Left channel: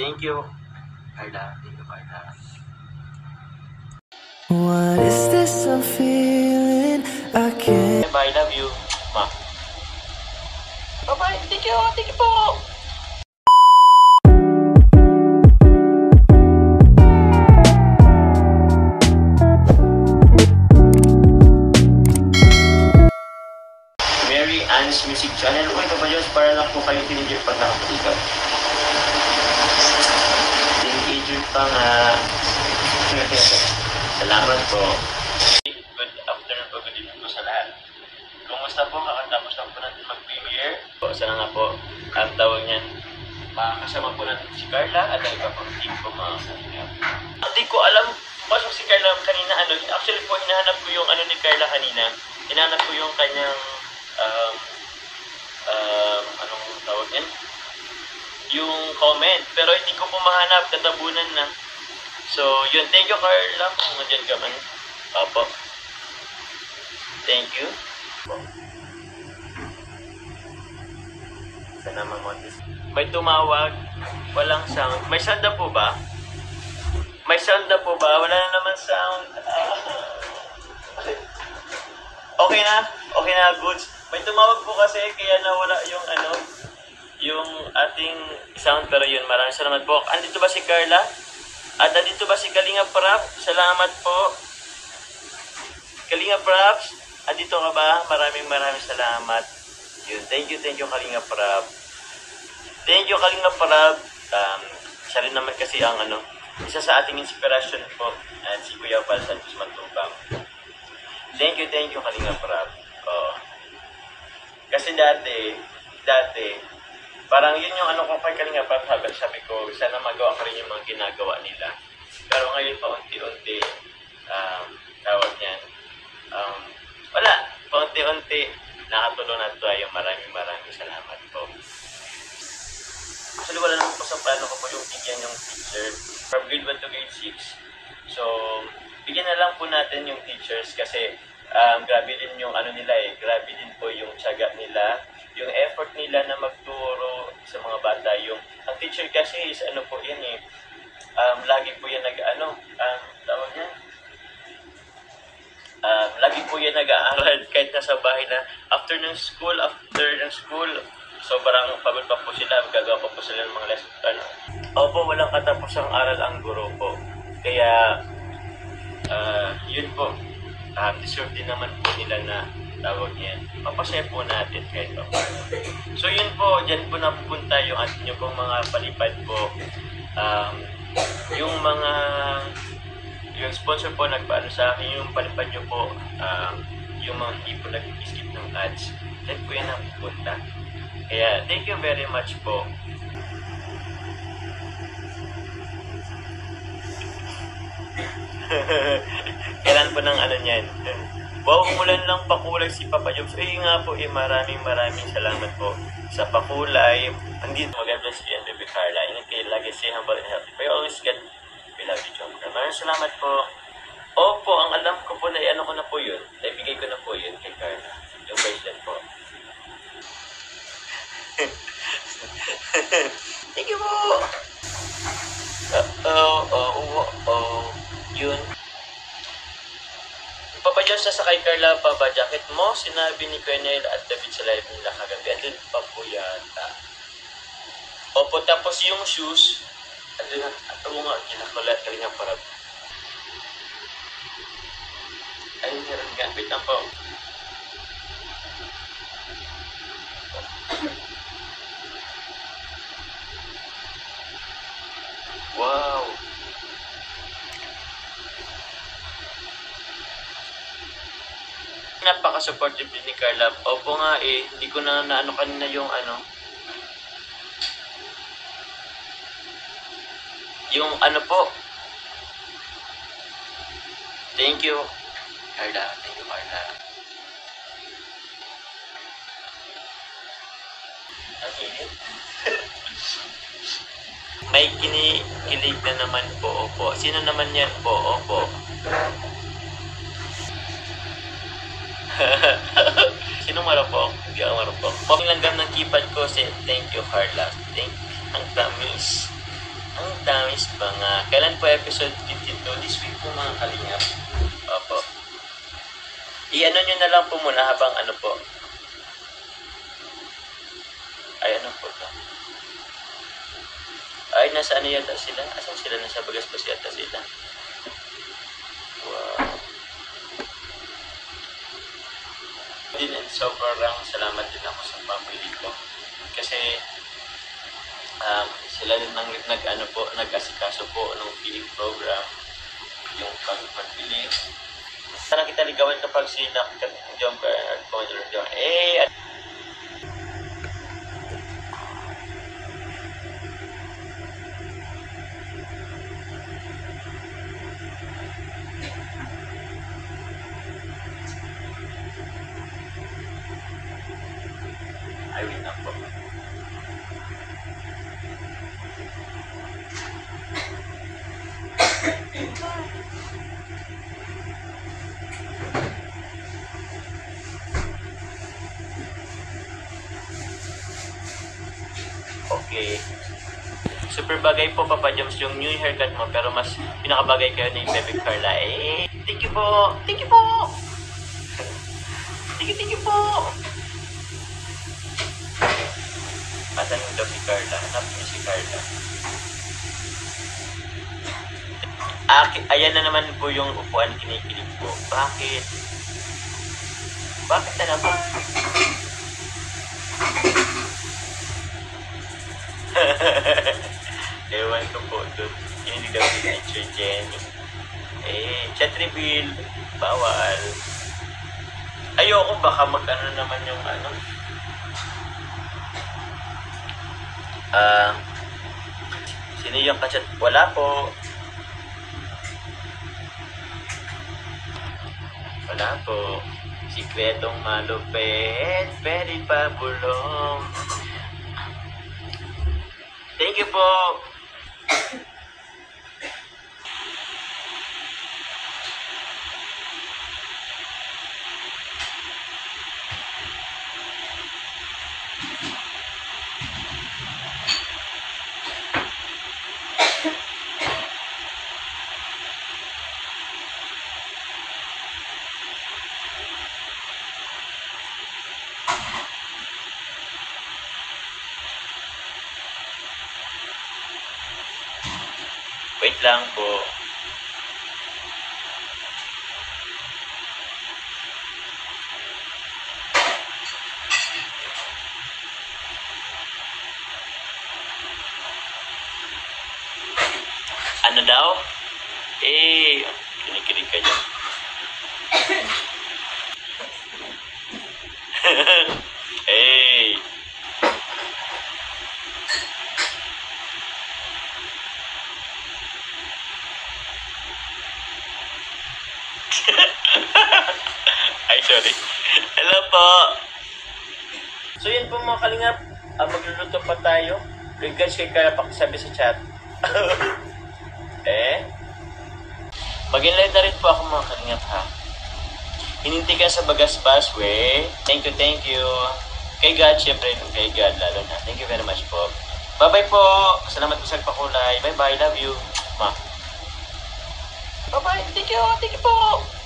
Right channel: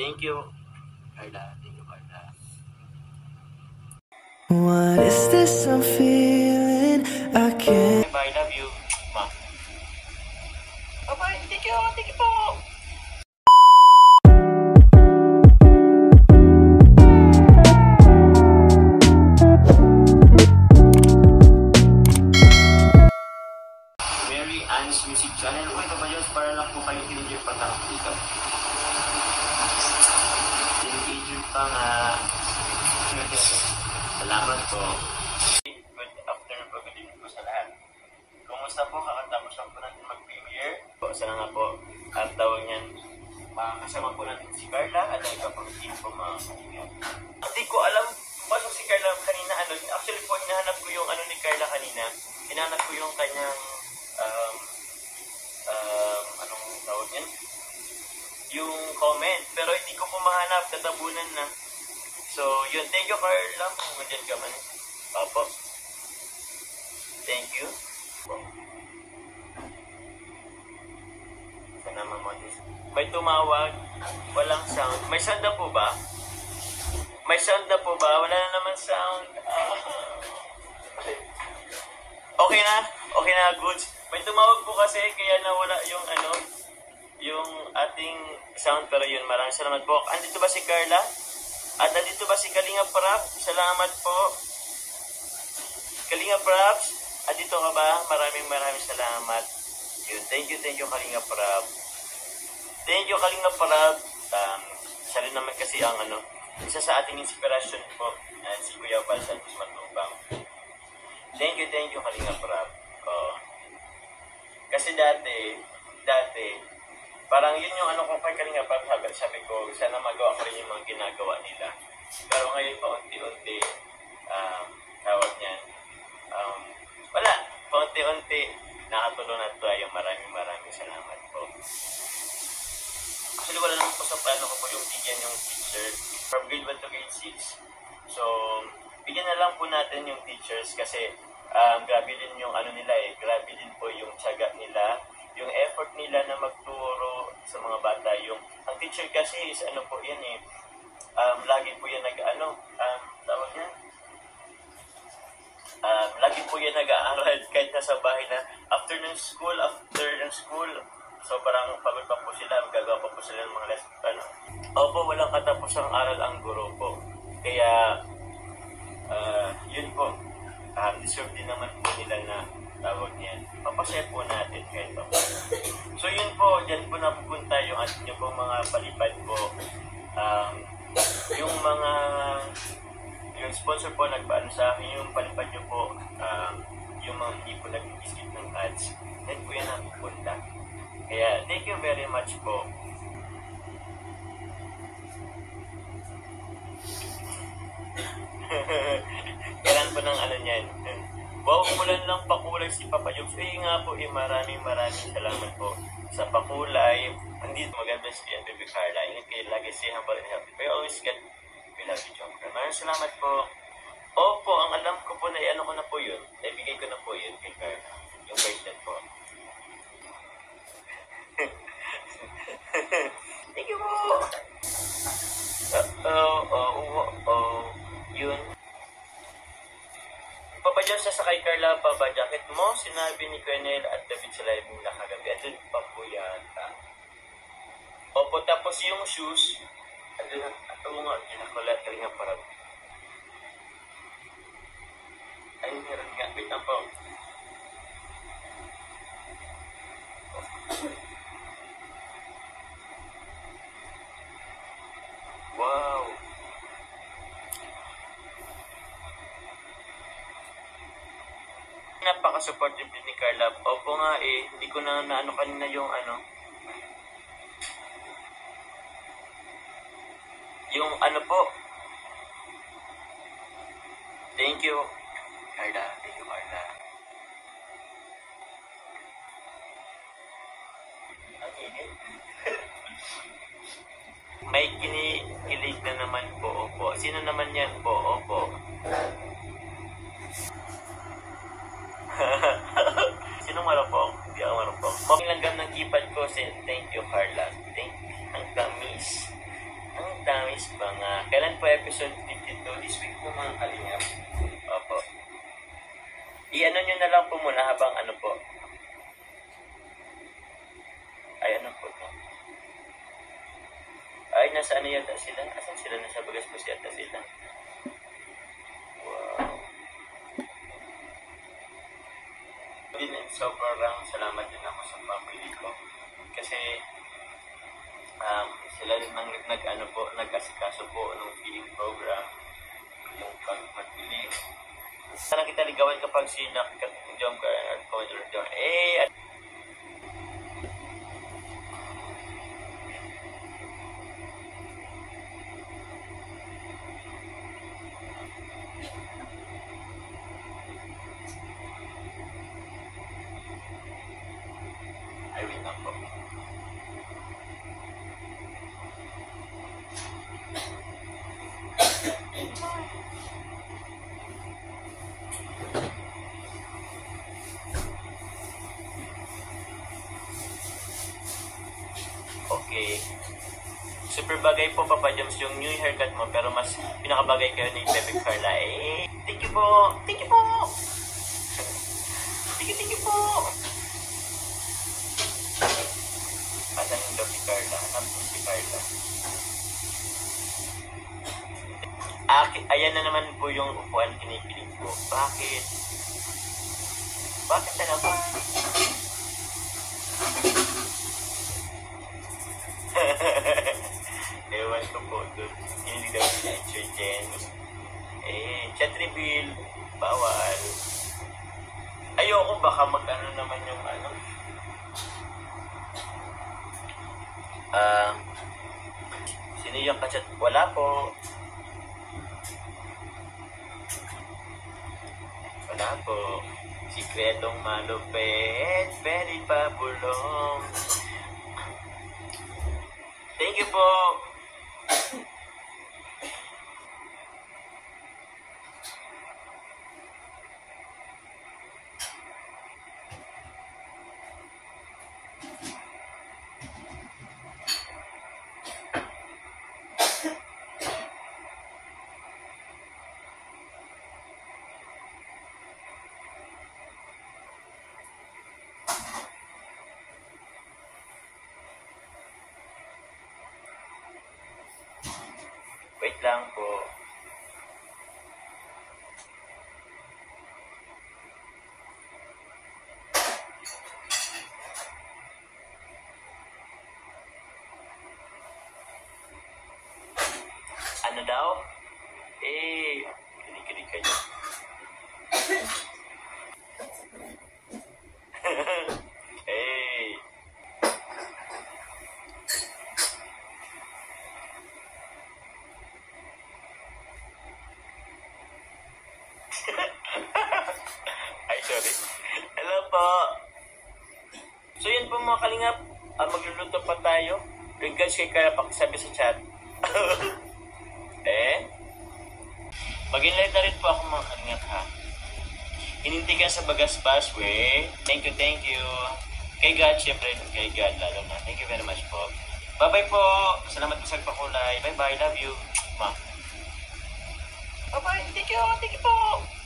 Thank you, Carla. Thank you, Carla. What is this I'm feeling? I can't. Bye, love you. Ma. Bye-bye. Thank you. Thank you po. Mary Ann's Music Channel. Uy, Papa Jones, para lang po kayo tinigil pag nakapulikat. Teenager pa nga. Salamat po. Good afternoon po, good evening po sa lahat. Kumusta po? Kakatapos lang po natin mag-premiere. Sana nga po, ang tawag niyan, makakasama po natin si Carla at ang iba pang team po mga kanina. Hindi ko alam, pasok si Carla kanina, actually po, hinahanap ko yung ni Carla kanina. Hinahanap ko yung kanyang, anong tawag niyan? Yung comment. Pero hindi ko po mahanap, tatabunan na. So, yun. Thank you, Carla. Kung nandiyan ka man. Papa. Thank you. Sana mamontis. May tumawag. Walang sound. May sound na po ba? May sound na po ba? Wala na naman sound. Okay na? Okay na, goods. May tumawag po kasi kaya nawala yung yung ating sound. Pero yun, maraming salamat po. Andito ba si Carla? At andito ba si Kalinga Prab? Salamat po. Kalinga Prabs, andito ka ba? Maraming salamat. Yun. Thank you Kalinga Prab. Thank you Kalinga Prab. Siya rin naman kasi ang isa sa ating inspirasyon po. At si Kuya Val Santos Matubang. Thank you Kalinga Prab. Kasi dati, parang yun yung ko kay Kalinga Prab, sabi ko, sana magawa ko rin yung mga ginagawa nila. Pero ngayon pa unti-unti, tawag niyan, wala, paunti-unti, nakatulong na tayo. Maraming salamat po. Actually, wala naman po sa plano ko po yung bigyan yung teacher from grade 1 to grade 6. So, bigyan na lang po natin yung teachers kasi grabe din yung nila grabe din po yung tiyaga nila, yung effort nila na magturo sa mga bata. Ang teacher kasi is po yan lagi po yan tawag niya, lagi po yan nag-aaral kahit nasa bahay na after ng school, sobrang pagod pa po sila, gagawa pa po sila ng mga lesson. Opo, walang katapusang aral ang guro po. Kaya, yun po, deserve din naman po nila na tawag niyan. Mapasaya po natin kahit ako. So yun po, dyan po napupunta yung atin nyo pong mga palipad po. Yung sponsor po nagpaano sa akin, yung palipad nyo po, yung mga hindi po nag-skip ng ads. Dyan po yan napupunta. Kaya thank you very much po. Kailan po ng niyan? Wow, umulan lang pakulay si Papa Jobs. Nga po, maraming salamat po sa pakulay. Hindi maganda si Baby Carla. Ingat kayo lagi, stay humble and healthy. But always get, we love you, John. Maraming salamat po. Opo, ang alam ko po na ko na po yun. Naibigay ko na po yun kay Carla. Yung bracelet po. Thank you po! Yun. Papa Jones, sa kay Carla pa ba jacket mo? Sinabi ni Colonel at David sa live nila kagabi. Andun pa po yata. Opo, tapos yung shoes. Andun na. Ito mo nga, kinakulat ka rin nga parang. Ay, meron nga. Wait lang po. Wow! Napaka-supportive din ni Carla. Opo nga hindi ko na kanina yung yung po. Thank you, Carla. Thank you, Carla. May kinikilig na naman po, opo. Sino naman yan po, opo? Sino marupok? Hindi ako marupok. Lang ng keypad ko, say thank you, Carla. Thank you. Ang tamis. Yan po episode 52. This week po mga kalingap. Opo. I-ano nyo na lang po muna habang ano po. Ay, ano po ito? Ay, nasa ano yata sila? Asan sila? Nasa Bagaspas yata sila. Wow. Din and sobrang salamat din ako sa family ko. Kasi sila din nag-ano po, nag-asikaso po ng feeding program, yung pagbili. Sana kita ligawan kapag sila jump ka at controller doon. Ay, wait lang po. Okay. Super bagay po, Papa Joms, yung new haircut mo, pero mas pinakabagay kayo ni Bebe Carla. Thank you po! Thank you po! Thank you po! Asan yung daw si Carla? Hanap niyo si Carla. Ayan na naman po yung upuan kinikilig po. Bakit? Bakit na naman? Ewan ko po doon. Kinilig daw si Teacher Jenny. Chat reveal. Bawal. Ayoko baka mag-ano naman yung ano. Sino yung kachat? Wala po. Wala po. Sikretong malupit. Pwede pa bulong. Thank you po. Wait lang po. Ano daw? Kinikilig ka dyan. Ay, sorry. Hello po. So yun po mga kalingap. Magluluto pa tayo. Regards kay Carla, pakisabi sa chat. Mag-enlight na rin po ako mga kalingap ha. Hininti ka sa Bagaspas, we. Thank you. Kay God, syempre. Kay God lalo na. Thank you very much po. Bye-bye po. Salamat po sa pakulay. Bye-bye. Love you. Ma. Bye-bye. Thank you po.